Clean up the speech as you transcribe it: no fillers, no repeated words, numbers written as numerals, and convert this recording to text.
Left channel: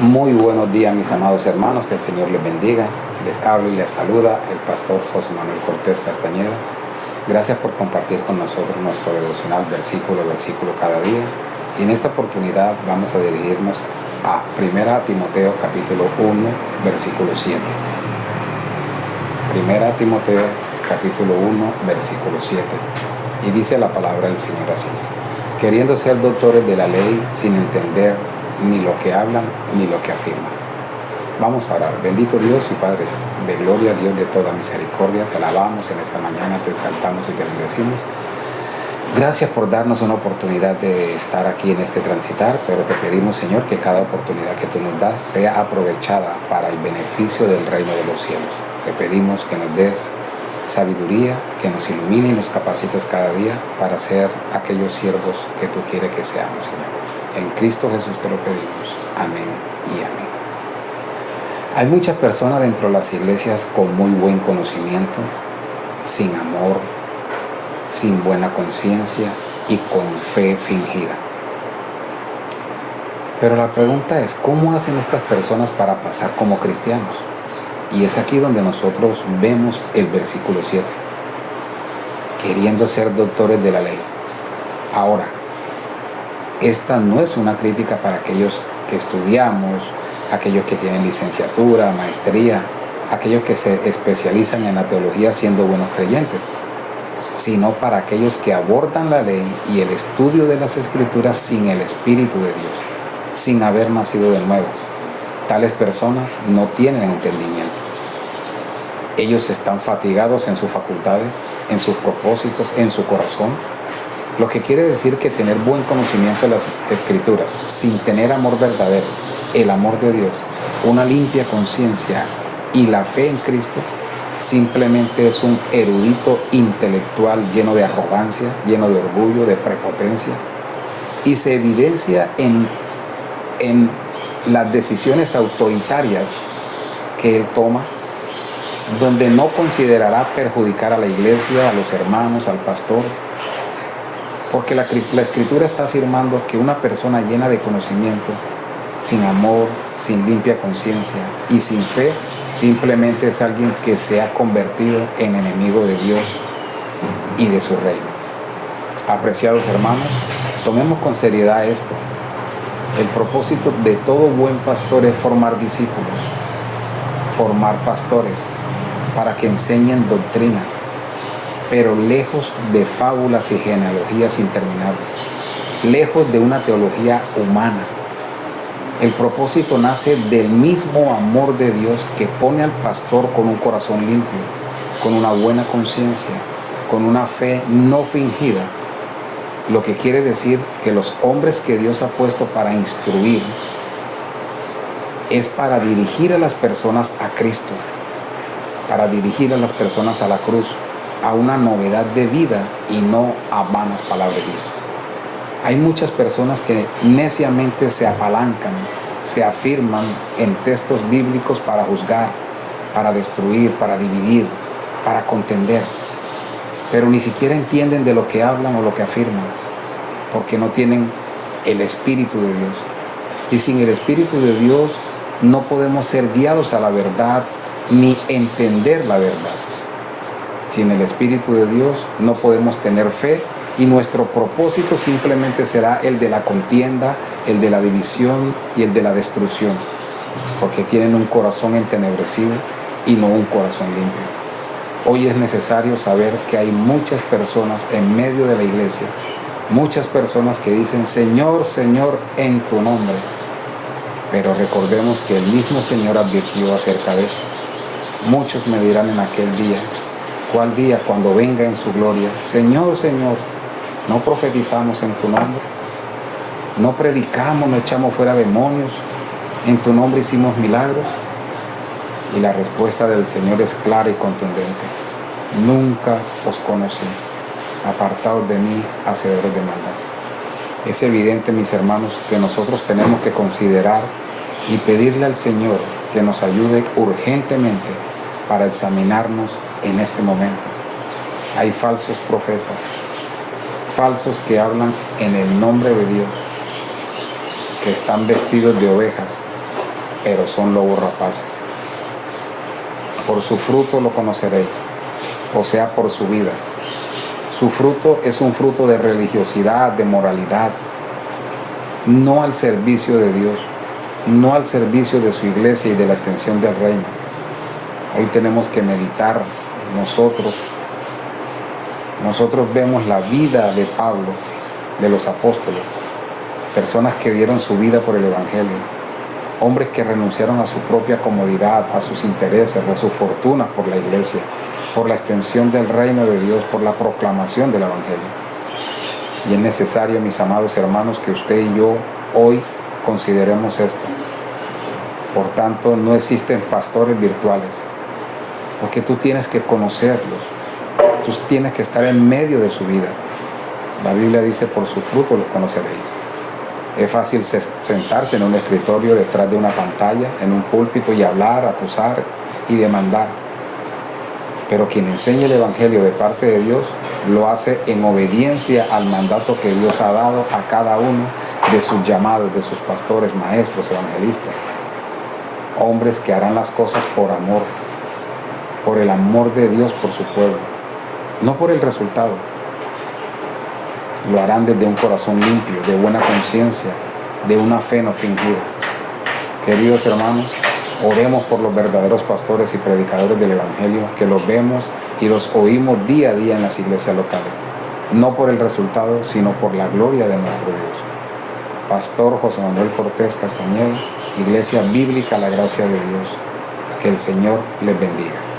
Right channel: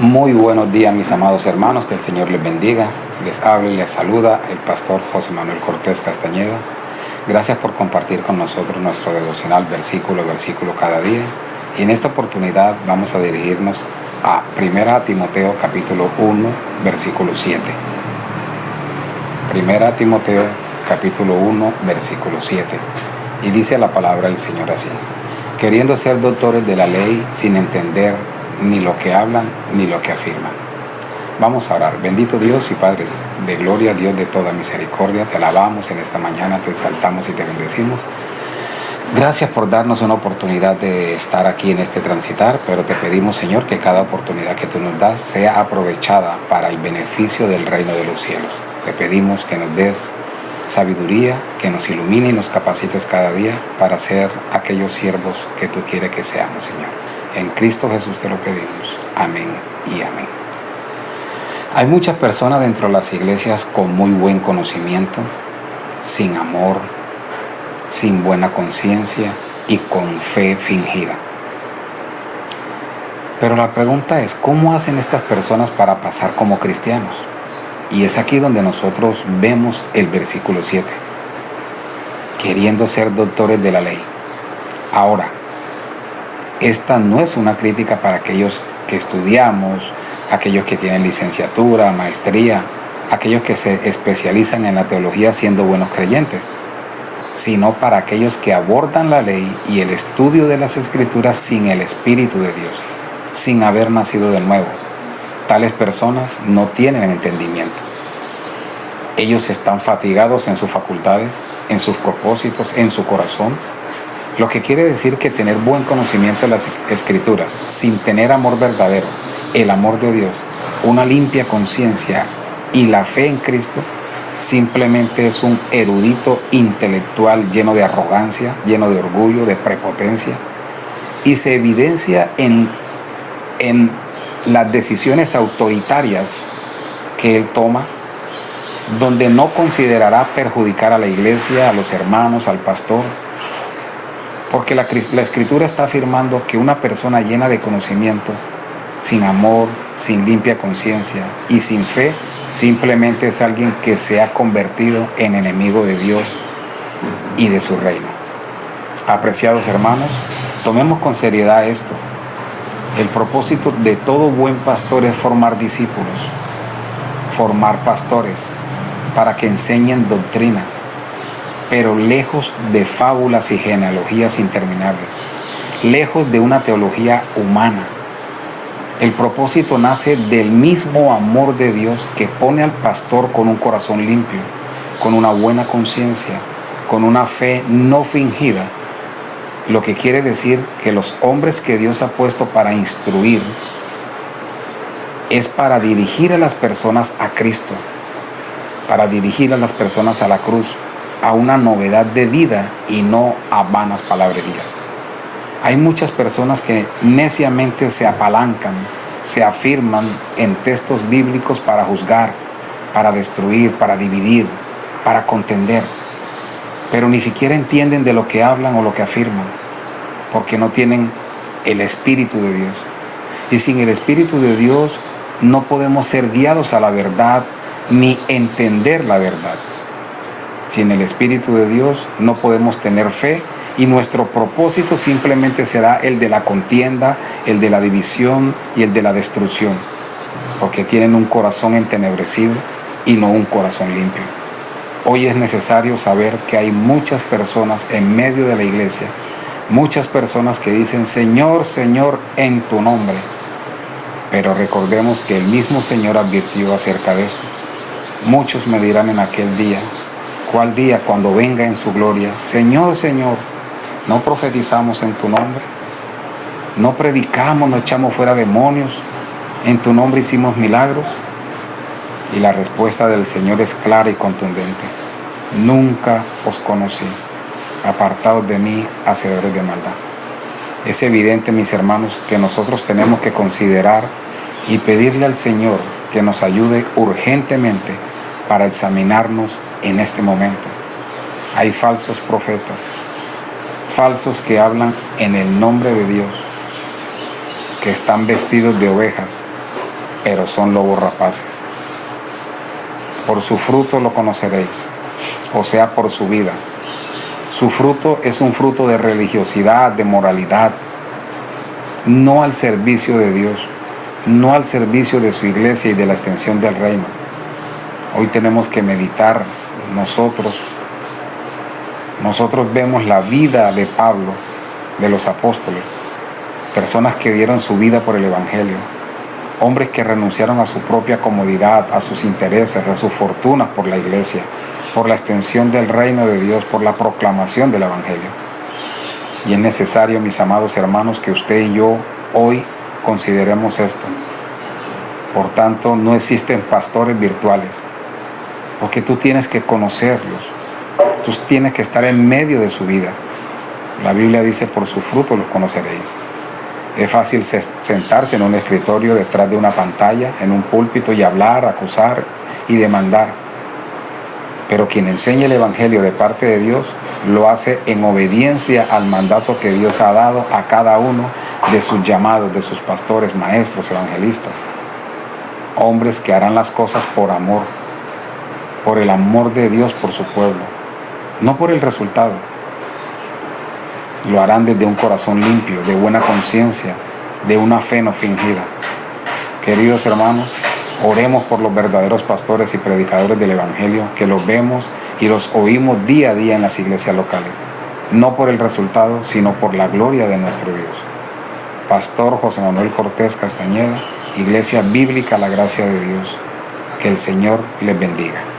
Muy buenos días, mis amados hermanos, que el Señor les bendiga. Les habla y les saluda el pastor José Manuel Cortés Castañeda. Gracias por compartir con nosotros nuestro devocional versículo a versículo cada día. Y en esta oportunidad vamos a dirigirnos a 1 Timoteo capítulo 1, versículo 7. 1 Timoteo capítulo 1, versículo 7. Y dice la palabra del Señor así: queriendo ser doctores de la ley sin entender ni lo que hablan ni lo que afirman. Vamos a orar. Bendito Dios y Padre de gloria, Dios de toda misericordia, te alabamos en esta mañana, te exaltamos y te bendecimos. Gracias por darnos una oportunidad de estar aquí en este transitar, pero te pedimos, Señor, que cada oportunidad que tú nos das sea aprovechada para el beneficio del reino de los cielos. Te pedimos que nos des sabiduría, que nos ilumine y nos capacites cada día para ser aquellos siervos que tú quieres que seamos, Señor. En Cristo Jesús te lo pedimos. Amén y amén. Hay muchas personas dentro de las iglesias con muy buen conocimiento, sin amor, sin buena conciencia y con fe fingida. Pero la pregunta es, ¿cómo hacen estas personas para pasar como cristianos? Y es aquí donde nosotros vemos el versículo 7. Queriendo ser doctores de la ley. Ahora, esta no es una crítica para aquellos que estudiamos, aquellos que tienen licenciatura, maestría, aquellos que se especializan en la teología siendo buenos creyentes, sino para aquellos que abordan la ley y el estudio de las Escrituras sin el Espíritu de Dios, sin haber nacido de nuevo. Tales personas no tienen entendimiento. Ellos están fatigados en sus facultades, en sus propósitos, en su corazón. Lo que quiere decir que tener buen conocimiento de las Escrituras sin tener amor verdadero, el amor de Dios, una limpia conciencia y la fe en Cristo, simplemente es un erudito intelectual lleno de arrogancia, lleno de orgullo, de prepotencia, y se evidencia en las decisiones autoritarias que él toma, donde no considerará perjudicar a la iglesia, a los hermanos, al pastor, porque la Escritura está afirmando que una persona llena de conocimiento, sin amor, sin limpia conciencia y sin fe, simplemente es alguien que se ha convertido en enemigo de Dios y de su reino. Apreciados hermanos, tomemos con seriedad esto. El propósito de todo buen pastor es formar discípulos, formar pastores para que enseñen doctrina, pero lejos de fábulas y genealogías interminables, lejos de una teología humana. El propósito nace del mismo amor de Dios que pone al pastor con un corazón limpio, con una buena conciencia, con una fe no fingida, lo que quiere decir que los hombres que Dios ha puesto para instruir es para dirigir a las personas a Cristo, para dirigir a las personas a la cruz, a una novedad de vida y no a vanas palabrerías. Hay muchas personas que neciamente se apalancan, se afirman en textos bíblicos para juzgar, para destruir, para dividir, para contender, pero ni siquiera entienden de lo que hablan o lo que afirman, porque no tienen el Espíritu de Dios. Y sin el Espíritu de Dios no podemos ser guiados a la verdad ni entender la verdad. Sin el Espíritu de Dios no podemos tener fe y nuestro propósito simplemente será el de la contienda, el de la división y el de la destrucción, porque tienen un corazón entenebrecido y no un corazón limpio. Hoy es necesario saber que hay muchas personas en medio de la iglesia, muchas personas que dicen Señor, Señor, en tu nombre, pero recordemos que el mismo Señor advirtió acerca de esto. Muchos me dirán en aquel día, ¿cuál día? Cuando venga en su gloria, Señor, Señor, ¿no profetizamos en tu nombre? ¿No predicamos, no echamos fuera demonios? ¿En tu nombre hicimos milagros? Y la respuesta del Señor es clara y contundente. Nunca os conocí. Apartados de mí, hacedores de maldad. Es evidente, mis hermanos, que nosotros tenemos que considerar y pedirle al Señor que nos ayude urgentemente para examinarnos en este momento. Hay falsos profetas, falsos que hablan en el nombre de Dios, que están vestidos de ovejas, pero son lobos rapaces. Por su fruto lo conoceréis, o sea, por su vida. Su fruto es un fruto de religiosidad, de moralidad, no al servicio de Dios, no al servicio de su iglesia y de la extensión del reino. Hoy tenemos que meditar nosotros vemos la vida de Pablo, de los apóstoles, personas que dieron su vida por el evangelio, hombres que renunciaron a su propia comodidad, a sus intereses, a sus fortunas por la iglesia, por la extensión del reino de Dios, por la proclamación del evangelio. Y es necesario, mis amados hermanos, que usted y yo hoy consideremos esto. Por tanto, no existen pastores virtuales, porque tú tienes que conocerlos, tú tienes que estar en medio de su vida. La Biblia dice, por su fruto los conoceréis. Es fácil sentarse en un escritorio detrás de una pantalla, en un púlpito, y hablar, acusar y demandar. Pero quien enseña el evangelio de parte de Dios lo hace en obediencia al mandato que Dios ha dado a cada uno de sus llamados, de sus pastores, maestros, evangelistas. Hombres que harán las cosas por amor, por el amor de Dios por su pueblo, no por el resultado. Lo harán desde un corazón limpio, de buena conciencia, de una fe no fingida. Queridos hermanos, oremos por los verdaderos pastores y predicadores del evangelio, que los vemos y los oímos día a día en las iglesias locales, no por el resultado, sino por la gloria de nuestro Dios. Pastor José Manuel Cortés Castañeda, Iglesia Bíblica La Gracia de Dios. Que el Señor les bendiga.